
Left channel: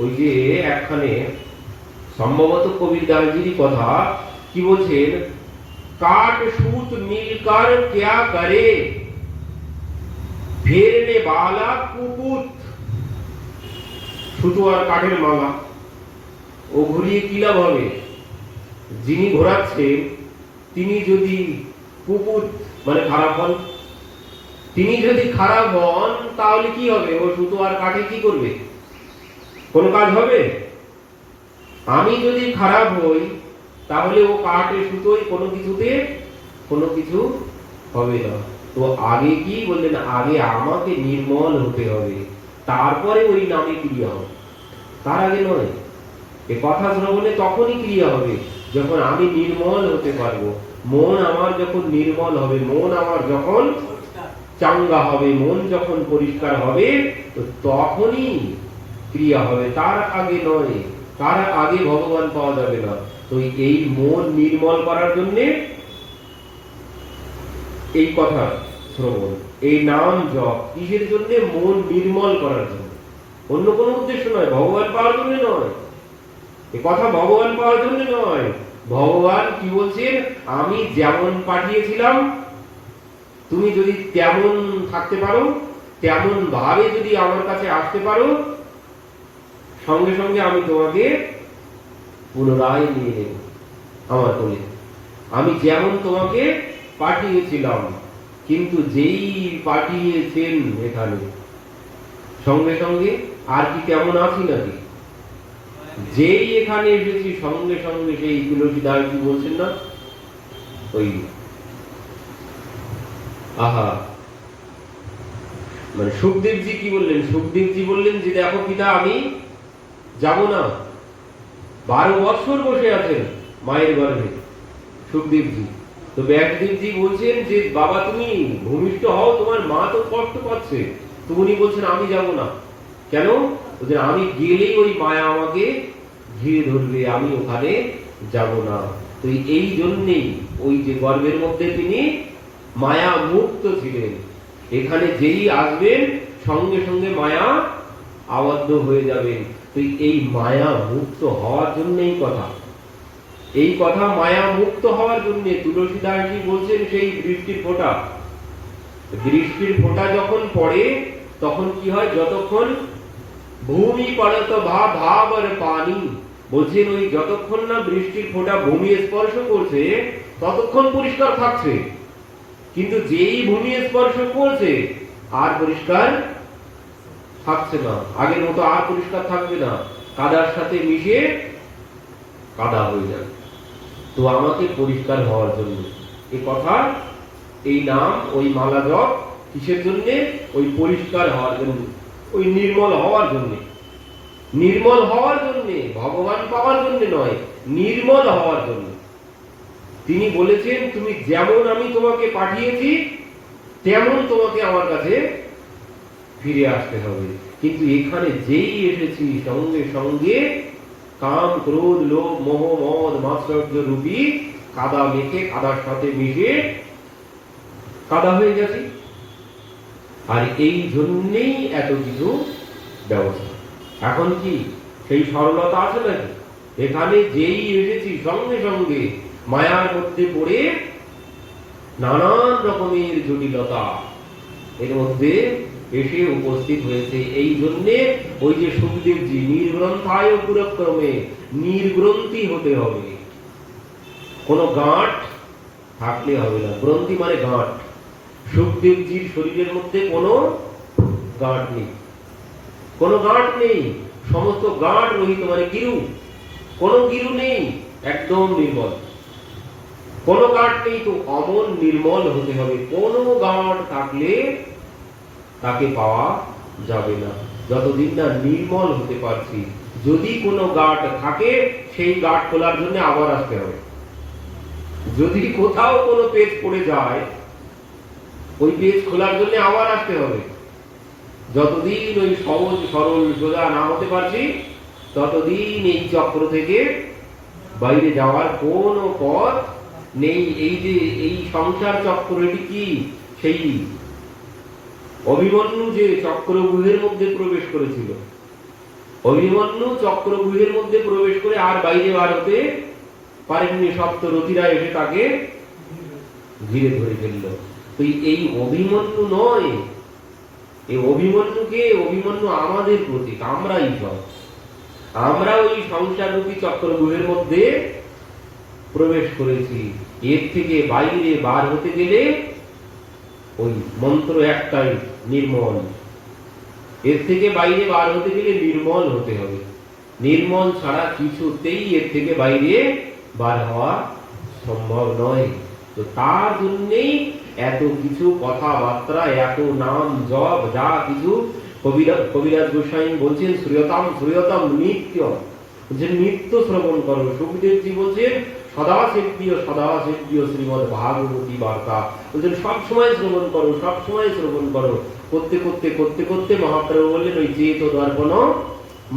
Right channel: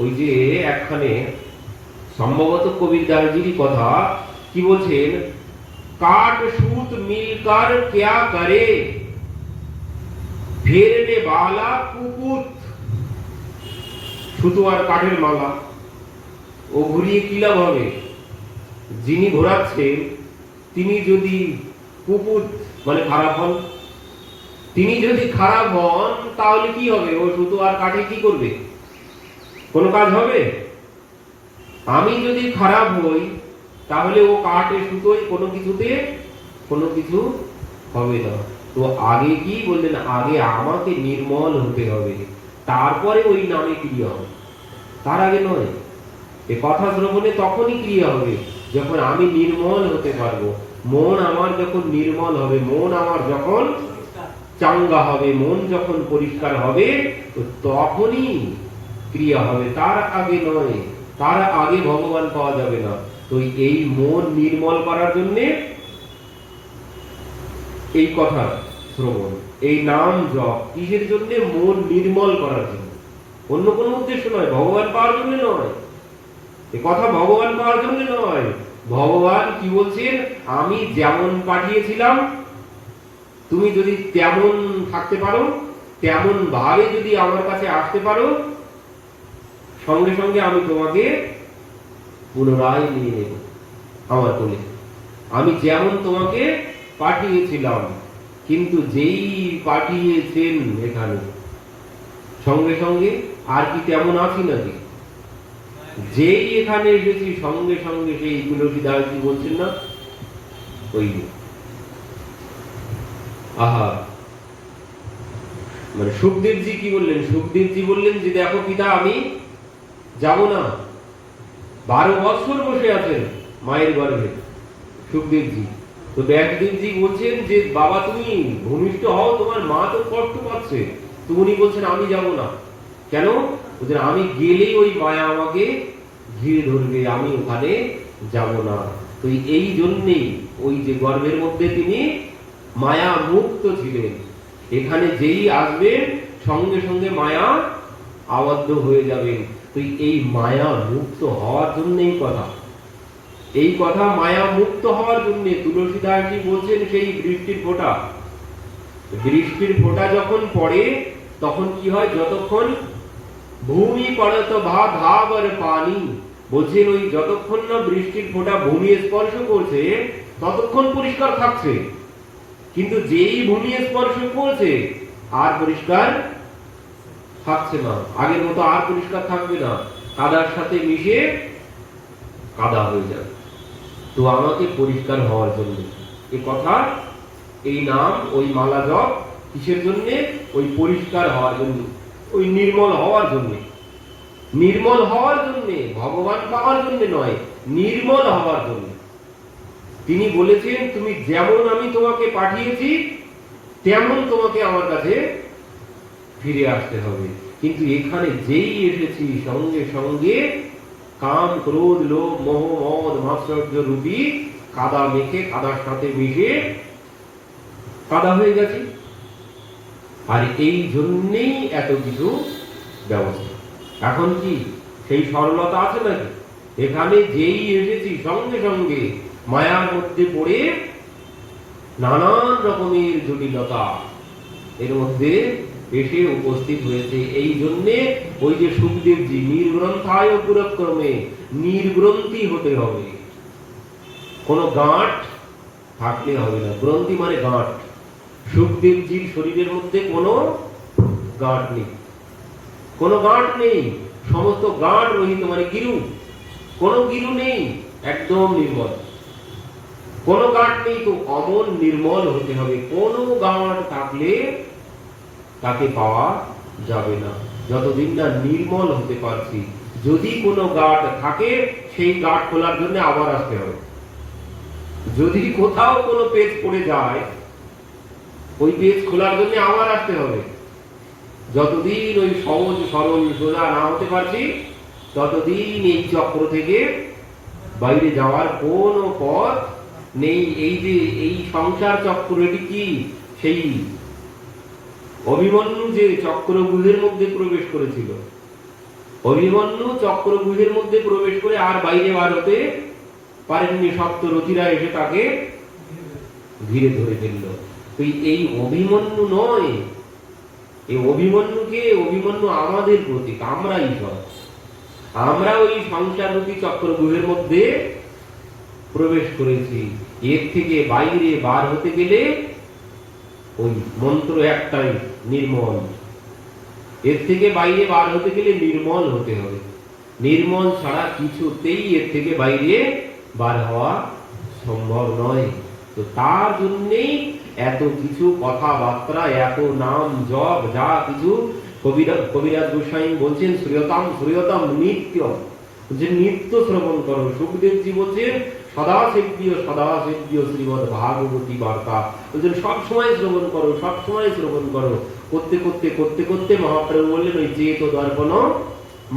ওই যে একখানে সম্ভবত কবিরদাসজির কথা কি বলছেন, কাট सूत मिलकर क्या करे, फेरने वाला कुकुत সুতো আর কাঠের মালা, ও ঘুরিয়ে কি লাভ হবে? যিনি ঘোরাচ্ছেন তিনি যদি কুকুর মানে খারাপ হন, তিনি যদি খারাপ হন তাহলে কি হবে? ও সুতো আর কাঠে কি করবে? কোনো কাজ হবে? আমি যদি খারাপ হই তাহলে ও কাঠে সুতোয় কোনো কিছুতে কোনো কিছু হবে না। তো আগে কি বললেন? আগে আমাকে নির্মল হতে হবে, তারপরে ওই নামে ক্রিয়া হবে, তার আগে নয়। এ কথা শ্রবণে তখনই ক্রিয়া হবে যখন আমি নির্মল হতে পারবো। মন আমার যখন নির্মল হবে, মন আমার যখন চাঙ্গা হবে, মন যখন পরিষ্কার হবে, তো তখনই ক্রিয়া হবে, তার আগে নয়। তার আগে ভগবান পাওয়া যাবে না। তো এই মন নির্মল করার জন্য এই কথা শ্রবণ, এই নাম জপ কিসের জন্য? মন নির্মল করার জন্য, অন্য কোন উদ্দেশ্য নয়, ভগবান পাওয়ার জন্য নয়। এ কথা ভগবান পাওয়ার জন্য নয়। ভগবান কি বলছেন? আমি যেমন পাঠিয়েছিলাম তুমি যদি তেমন থাকতে পারো, তেমন ভাবে যদি আমার কাছে আসতে পারো, সঙ্গে সঙ্গে আমি তোমাকে পুনরায় নিয়ে নেব আমার কোলে। আমি যেমন তোমাকে পাঠিয়েছিলাম, কিন্তু যেই পাঠিয়েছেন এখানে সঙ্গে সঙ্গে আর কি তেমন আছি নাকি? যেই এখানে এসেছি সঙ্গে সঙ্গে সেই তুলসীদাসজি বলছেন না, ওই আহা মানে সুখদেবজি কি বললেন? সুখদেবজি বললেন যে দেখো পিতা আমি যাব না। 12 বছর বসে আছেন মায়ের গর্ভে সুখদেবজি। তো ব্যাসদেবজি বলছেন যে বাবা তুমি ভূমিষ্ঠ হও, তোমার মা তো কষ্ট পাচ্ছে। তো উনি বলছেন আমি যাব না। কেন? বলছেন আমি গেলেই ওই মায়া আমাকে ঘিরে ধরবে, আমি ওখানে যাব না। তো এই জন্যেই ওই যে গর্ভের মধ্যে তিনি মায়া মুক্ত ছিলেন। এখানে যেই আসবেন সঙ্গে সঙ্গে মায়া আবদ্ধ হয়ে যাবেন। তো এই মায়া মুক্ত হওয়ার জন্যই কথা, এই কথা মায়া মুক্ত হওয়ার জন্য তুলসীদাসজি বলছেন সেই বৃষ্টির ফোঁটা, বৃষ্টির ফোঁটা যখন পড়ে তখন কি হয়? যতক্ষণ ভূমি পড়ত ভাব ভাব আর পানি, বলছেন ওই যতক্ষণ না বৃষ্টির ফোঁটা ভূমি স্পর্শ করছে ততক্ষণ পরিষ্কার থাকছে। কিন্তু যেই ভূমি স্পর্শ করছে আর পরিষ্কার থাকছে না, আগের মতো আর পরিষ্কার থাকবে না, কাদার সাথে মিশে কাদা হয়ে যাবে। তো আমাকে পরিষ্কার হওয়ার জন্য এই কথা, এই নাম, ওই মালা জপ কিসের জন্য? ওই পরিষ্কার হওয়ার জন্য, ওই নির্মল হওয়ার জন্য। নির্মল হওয়ার জন্য, ভগবান পাওয়ার জন্য নয়, নির্মল হওয়ার জন্য। তিনি বলেছেন তুমি যেমন আমি তোমাকে পাঠিয়েছি তেমন তোমাকে আমার কাছে ফিরে আসতে হবে। কিন্তু এখানে যেই এসেছি সঙ্গে সঙ্গে কাম ক্রোধ লোভ মোহ মদ মাৎসর্য রূপী কাদা মেখে কাদার সাথে মিশে কাদা হয়ে গেছে। আর এই জন্যেই এত কিছু ব্যবস্থা। এখন কি সেই সরলতা আছে নাকি? এখানে যেই এসেছি সঙ্গে সঙ্গে মায়ার মধ্যে পড়ে নানান রকমের জটিলতা এর মধ্যে এসে উপস্থিত হয়েছে। এই জন্যে ওই যে সুখদেবজি নির্গ্রন্থায় পুরক্রমে, নির্গ্রন্থি হতে হবে, কোন গাঁট থাকলে হবে না। গ্রন্থি মানে গাঁট। সুখদেবজির শরীরের মধ্যে কোনো গাঁট নেই, কোনো গাঁট নেই, সমস্ত গাঁট রহিত মানে গিরু, কোনো গিরু নেই, একদম নির্মল, কোনো গাঁট নেই। তো অমন নির্মল হতে হবে। কোনো গাঁট থাকলে তাকে পাওয়া যাবে না যতদিন না নির্মল হতে পারছি। যদি কোনো গাঁট থাকে সেই গাঁট খোলার জন্য আবার আসতে হবে। যদি কোথাও কোনো পেজ পড়ে যায় ওই পেজ খোলার জন্য আবার আসতে হবে। যতদিন ওই সহজ সরল সোজা না হতে পারছি ততদিন এই চক্র থেকে বাইরে যাওয়ার কোনো পথ নেই। এই যে এই সংসার চক্র, এটি কি সেই অভিমন্যু যে চক্রব্যূহের মধ্যে প্রবেশ করেছিল, অভিমন্যু চক্রব্যূহের মধ্যে প্রবেশ করে আর বাইরে বার হতে পারেননি। সপ্তরথীরা এসে তাকে ঘিরে ধরে ফেলল। তো এই অভিমন্যু নয়, এই অভিমন্যু আমাদের প্রতীক, আমরাই সব। আমরা ওই সংসাররূপী চক্রব্যূহের মধ্যে প্রবেশ করেছি। এর থেকে বাইরে বার হতে গেলে ওই মন্ত্র একটাই, নির্মল। এর থেকে বাইরে বার হতে গেলে নির্মল হতে হবে। নির্মল ছাড়া কিছুতেই এর থেকে বাইরে বার হওয়া সম্ভব নয়। তো তার জন্যেই এত কিছু কথাবার্তা, এত নাম জপ, যা কিছু কবিরাজ গোস্বামী বলছেন শ্রীয়তাম নিত্যম, যে নিত্য শ্রবণ করো। সুখদেবজি বলছেন সদা সেব্য শ্রীমদ ভাগবতী বার্তা, বলছেন সবসময় শ্রবণ করো, সবসময় শ্রবণ করো। করতে করতে করতে করতে মহাপ্রভু বললেন ওই চেত দর্পণ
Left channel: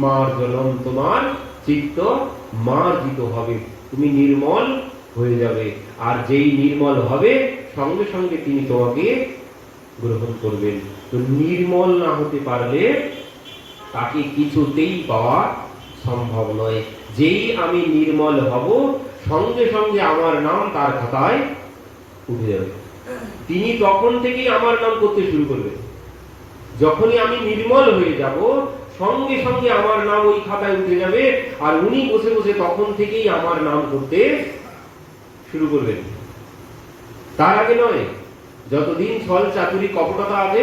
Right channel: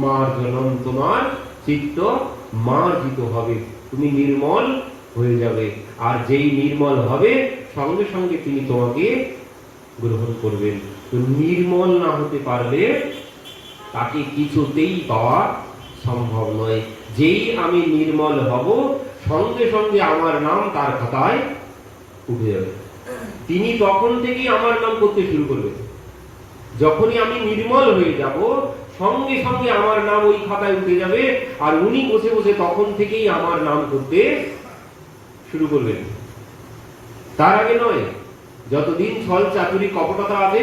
মার্জনম, তোমার চিত্ত মার্জিত হবে, তুমি নির্মল হয়ে যাবে। আর যেই নির্মল হবে সঙ্গে সঙ্গে তিনি তোমাকে গ্রহণ করবেন। তো নির্মল না হতে পারলে তাকে কিছুতেই পাওয়া সম্ভব নয়। যেই আমি নির্মল হব সঙ্গে সঙ্গে আমার নাম তার খাতায় উঠে যাবে। তিনি তখন থেকেই আমার নাম করতে শুরু করবেন। যখনই আমি নির্মল হয়ে যাব সঙ্গে সঙ্গে আমার নাম ওই খাতায় উঠে যাবে, আর উনি বসে বসে তখন থেকেই আমার নাম করতে শুরু করবেন। তার আগে নয়। যতদিন ছল চাতুরি কপটতা আছে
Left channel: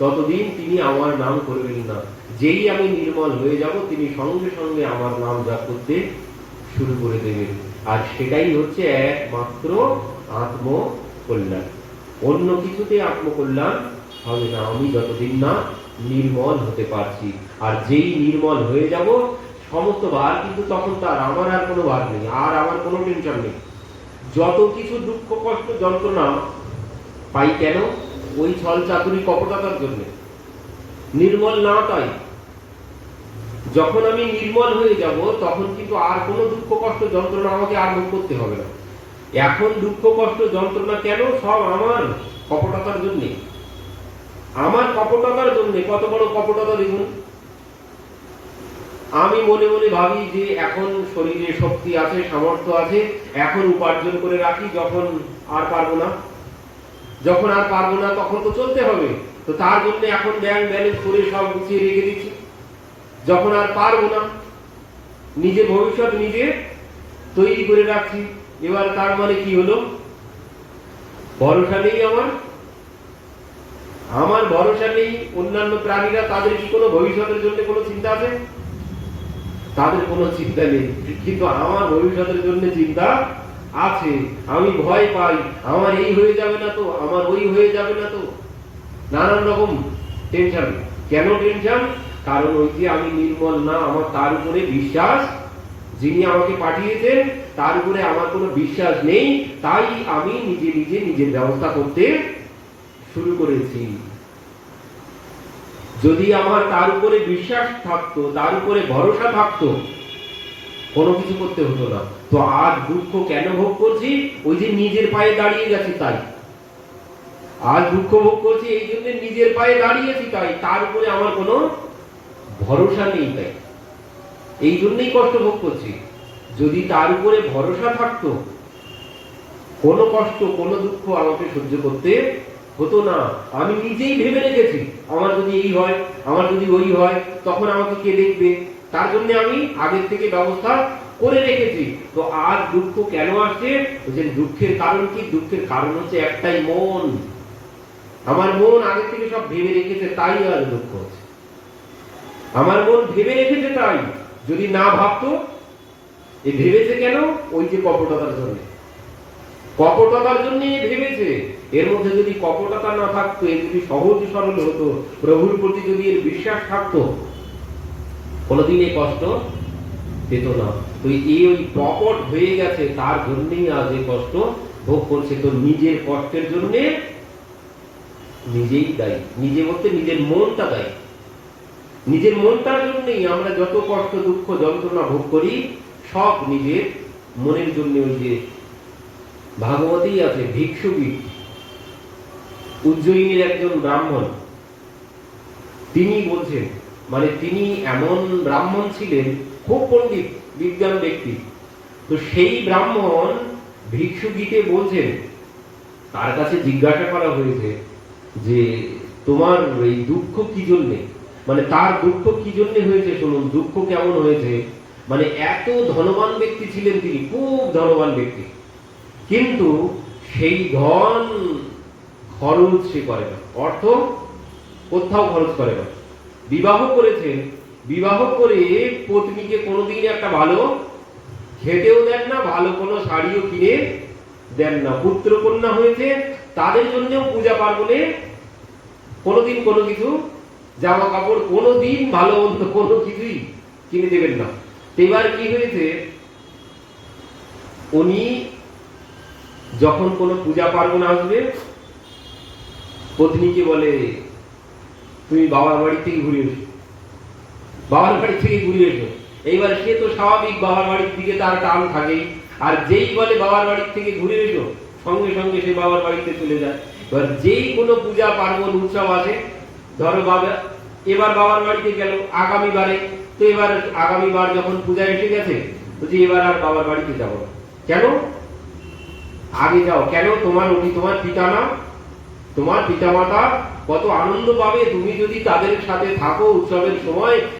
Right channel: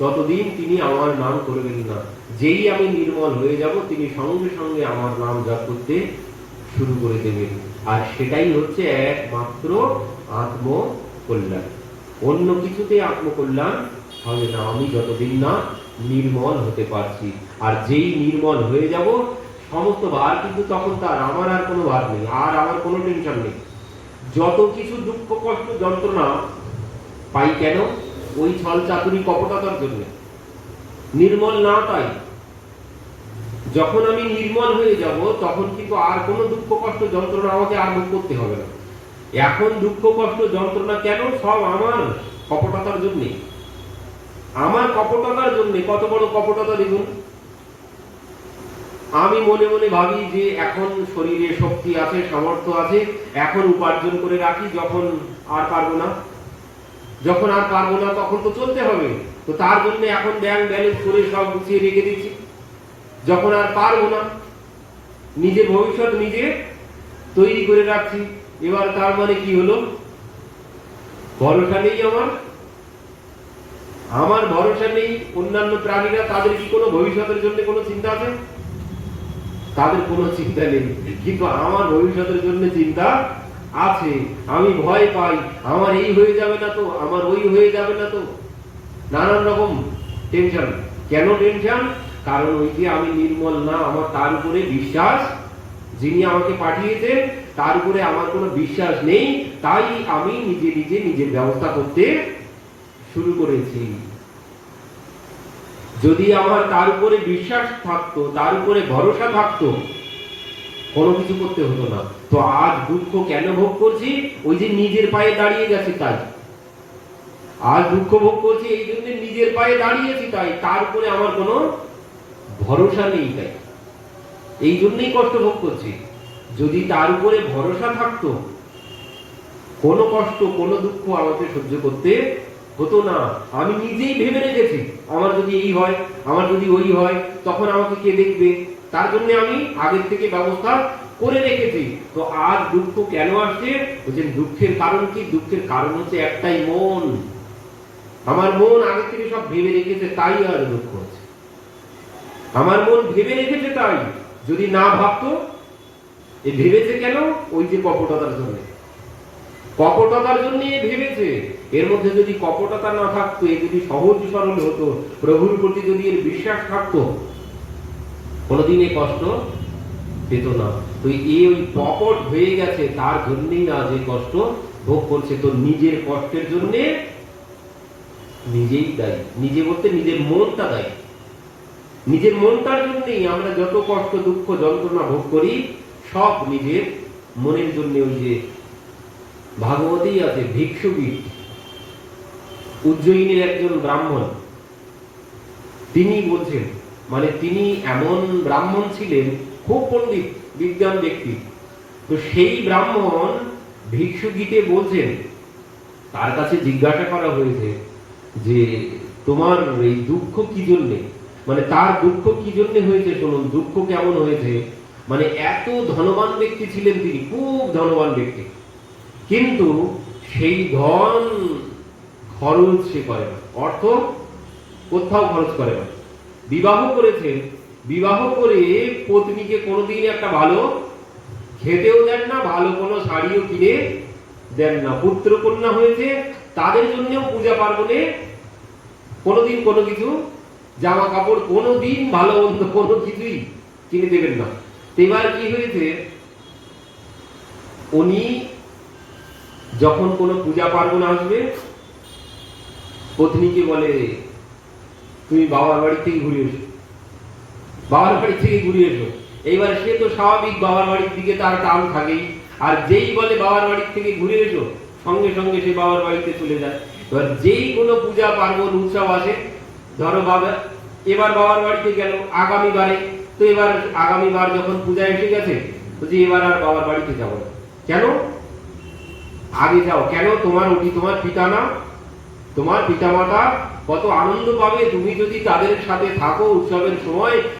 ততদিন তিনি আমার নাম করবেন না। যেই আমি নির্মল হয়ে যাব তিনি সঙ্গে সঙ্গে আমার নাম জপ করতে শুরু করে দেবেন। আর সেটাই হচ্ছে একমাত্র আত্মকল্যাণ। অন্য কিছুতে আত্মকল্যাণ হবে না আমি যতদিন না নির্মল হতে পারছি। আর যেই নির্মল হয়ে যাব সমস্ত ভার কিন্তু তখন তার, আমার আর কোনো ভার নেই, আর আমার কোনো টেনশন নেই। যত কিছু দুঃখ কষ্ট যন্ত্রণা পাই কেন? ওই ছল চাতুরি কপটতার জন্য। নির্মল না তাই। যখন আমি নির্মল হয়ে যাব তখন কিন্তু আর কোনো দুঃখ কষ্ট যন্ত্রণা আমাকে আর ভোগ করতে হবে না। এখন দুঃখ কষ্ট যন্ত্রণা কেন? সব আমার কপটতার জন্য। আমার কপটতার জন্য। কত বড় কপটতা দেখুন। আমি মনে মনে ভাবি যে এখন শরীরে শক্তি আছে, সামর্থ্য আছে, এখন উপার্জন করে রাখি, যখন আর পারবো না, যখন আর পারবো না তখন তো চলতে হবে। তো তার জন্য এখন ব্যাংক ব্যালেন্স করে সব গুছিয়ে রেখে দিচ্ছি। যখন আর পারবো না নিজের ভবিষ্যৎ নিজে তৈরি করে রাখছি। এবার তার মানে কি হলো? ভরসা নেই আমার ভরসা নেই। অন্যান্য প্রাণীরা, তাদের কি কোনো ভবিষ্যতের জন্য কোনো চিন্তা আছে? তাদের কোনো চিন্তা নেই, কিন্তু আমার ভবিষ্যতের জন্য চিন্তা আছে। আমি ভয় পাই, আমার এই হয়ে যাবে না তো, আমার ওই হয়ে যাবে না তো, নানান রকম টেনশন। কেন টেনশন? কারণ ওই যে আমি নির্মল না, আমার তার উপরে বিশ্বাস, যিনি আমাকে পাঠিয়েছেন তার উপরে আমার কোনো বিশ্বাস নেই। তাই আমি নিজে নিজে নিজের ব্যবস্থা করতে শুরু করেছি। যদি আমার তার উপরে বিশ্বাস থাকতো, তার উপরে ভরসা থাকতো, কোনো কিছু করতে হতো না। তো আজ দুঃখ কেন ভোগ করছি? ওই যে নিজের পায়ে দাঁড়িয়ে গেছি তাই। আজ দুঃখ ভোগ করছি এই জন্য নিজের পায়ে দাঁড়িয়েছি তাই। তার উপরে আমার কোনো ভরসা নেই তাই। এই জন্যই কষ্ট ভোগ করছি। যদি তার উপরে ভরসা থাকতো কোনো কষ্ট কোনো দুঃখ আমাকে সহ্য করতে হতো না। আমি নিজেই ভেবে রেখেছি আমার যদি এই হয়, আমার যদি ওই হয়, তখন আমাকে কে দেখবে, তার জন্য আমি আগের থেকে ব্যবস্থা করে রেখেছি। তো আর দুঃখ কেন আসছে? বলছেন দুঃখের কারণ কি? দুঃখের কারণ হচ্ছে একটাই, মন। আমার মন আগের থেকে সব ভেবে রেখেছে তাই আর দুঃখ হচ্ছে। আমার মন ভেবে রেখেছে তাই। যদি না ভাবতো, এই ভেবেছে কেন? ওই যে কপটতার জন্য। কপটতার জন্য ভেবেছে। এর মধ্যে যদি কপটতা না থাকতো, এ যদি সহজ সরল হতো, প্রভুর প্রতি যদি এর বিশ্বাস থাকতো, কোনদিন এই কষ্ট পেত না। তো এই ওই কপট হয়ে গেছে, তার জন্যই আজ এই কষ্ট ভোগ করছে। তো নিজের কষ্টের জন্য নিজেই দায়ী। নিজে বলতে নিজের মনটা দায়ী। নিজের মনটার জন্যই আমরা যত কষ্ট দুঃখ যন্ত্রণা ভোগ করি, সব নিজের মনের জন্য। ওই যে ভাগবতেই আছে ভিক্ষুগীত, উজ্জয়িনীর একজন ব্রাহ্মণ, তিনি বলছেন, মানে তিনি এমন ব্রাহ্মণ ছিলেন, খুব পণ্ডিত বিজ্ঞান ব্যক্তি। তো সেই ব্রাহ্মণ ভিক্ষুগীতে বলছেন, তার কাছে জিজ্ঞাসা করা হয়েছে যে তোমার এই দুঃখ কি জন্যে, মানে তার দুঃখ কি জন্যে হয়েছে শুনুন। দুঃখ কেমন হয়েছে, মানে এত ধনবান ব্যক্তি ছিলেন তিনি, খুব ধনবান ব্যক্তি, কিন্তু সেই ধন খরচ সে করে না, অর্থ কোথাও খরচ করে না। বিবাহ করেছেন, বিবাহ করে পত্নীকে কোনোদিন একটা ভালো খেতেও দেন না, ভালো কোনো শাড়িও কিনে দেন না। পুত্র কন্যা হয়েছে, তাদের জন্যও পূজা পার্বণে কোনোদিন কোনো কিছু জামা কাপড় কোনোদিন ভালো মন্দ কোনো কিছুই কিনে দেবেন না। এবার কি হয়েছে, উনি যখন কোনো পূজা পার্বণ আসবে, পত্নীকে বলে তুমি বাবার বাড়ি থেকে ঘুরে এসো, বাবার বাড়ি থেকে ঘুরে এসো। এইবার সে তো স্বাভাবিক বাবার বাড়ির দিকে তার টান থাকেই, আর যেই বলে বাবার বাড়ি থেকে ঘুরে এসো, সঙ্গে সঙ্গে সে বাবার বাড়িতে চলে যায়। এবার যেই কোনো পূজা পার্বণ উৎসব আসে, ধরো বাবা এবার বাবার বাড়িতে গেল, আগামীবারে তো এবার আগামীবার যখন পূজা এসে গেছে, বলছি এবার আর বাবার বাড়িতে যাবো না। কেন? আগে যাও। কেন? তোমার ওটি তোমার পিতা না, তোমার পিতা মাতা কত আনন্দ পাবে তুমি যদি তাদের সাথে থাকো উৎসবের সময়।